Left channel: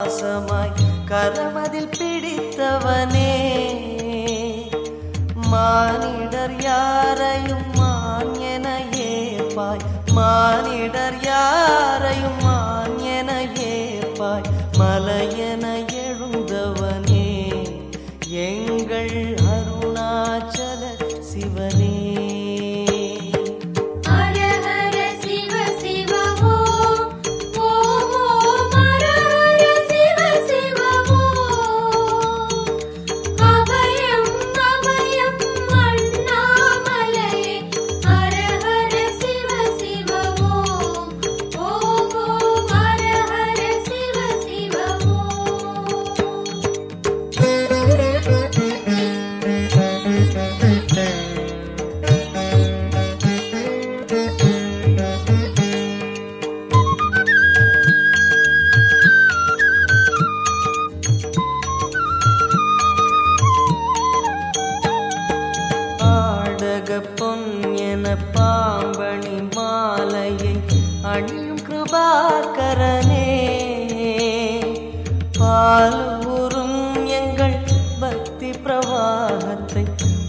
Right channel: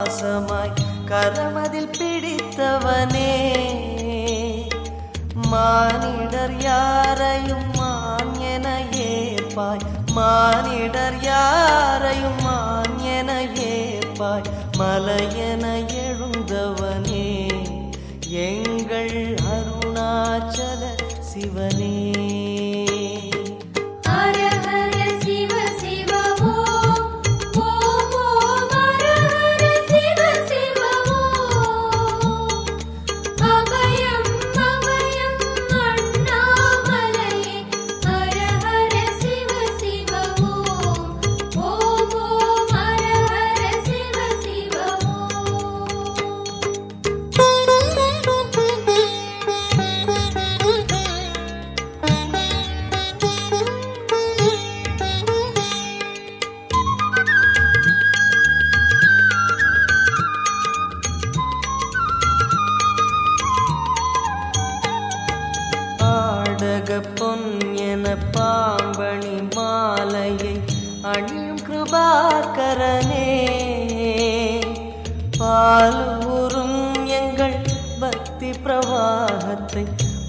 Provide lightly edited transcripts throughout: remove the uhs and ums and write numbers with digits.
பாசமாய் கரமதில் பிடித்தவனே மானிடர் யாரையும் மான் என ஏற்பாய் மானிடர் யாரையும் மான் என ஏற்பாய் மலையென எழுந்தவனே எங்கள் அருணாச்சல சிவனே பொன் என பாம்பணி மாலையை அணியும் கிருபாகரனே பாலூரும் எங்கள் பக்தி பிரவாகத்தை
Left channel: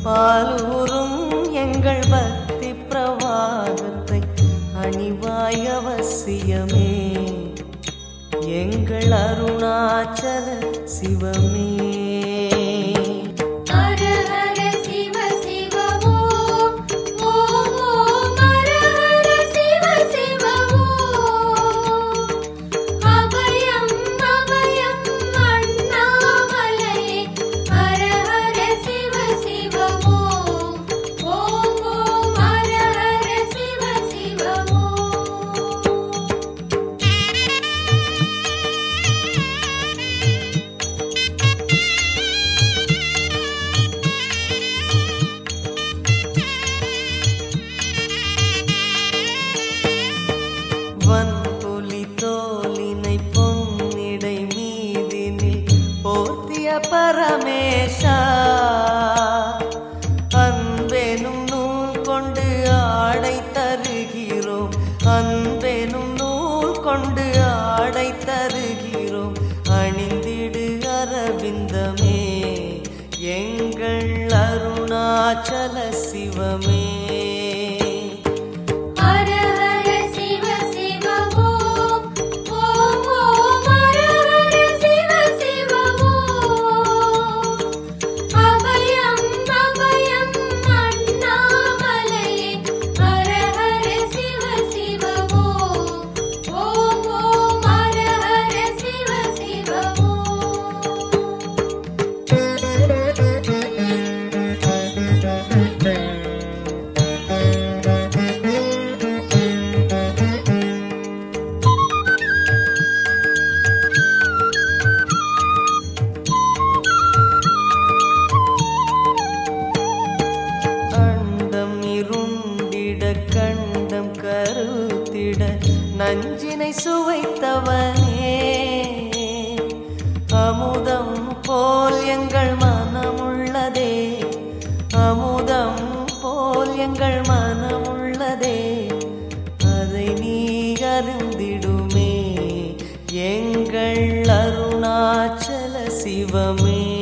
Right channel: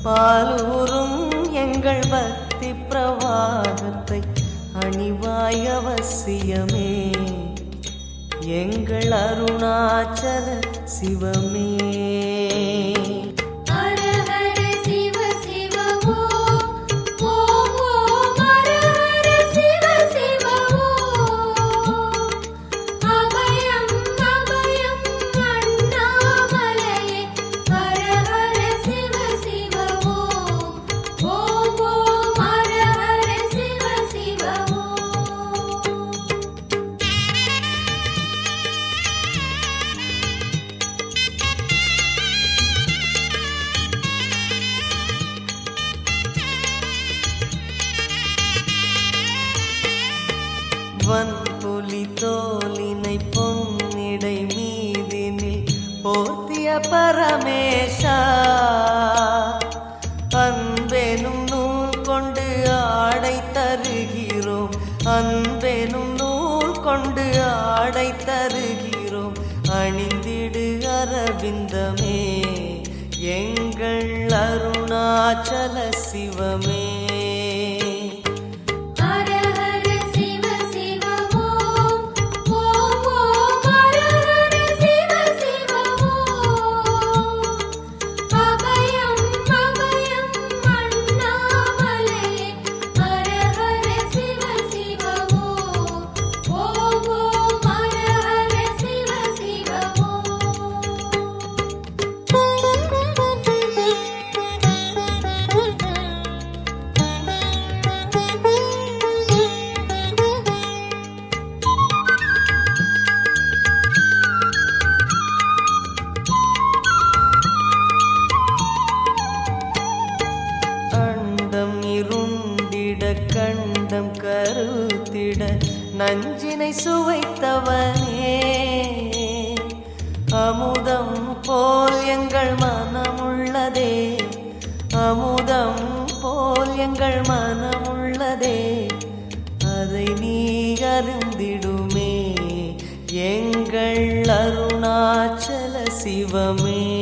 பாலூரும் எங்கள் பக்தி பிரவாகத்தை அணிவாய் அவசியமே எங்கள் அருணாச்சல சிவமே வன்புலி தோலினை பொன்னிடை மீதினில் போர்த்திய பரமேஷா அன்பெனும் நூல் கொண்டு ஆடை தருகிறோம் அன்பெனும் நூல் கொண்டு ஆடை தருகிறோம் அணிந்திடு அரவிந்தமே எங்கள் அருணாச்சல சிவமே கண்டம் கருத்திட நஞ்சினை சுவைத்தவனே அமுதம் போல் எங்கள் மனமுள்ளதே அமுதம் போல் எங்கள் மனமுள்ளதே அதை நீ அருந்திடுமே எங்கள் அருணாச்சல சிவமே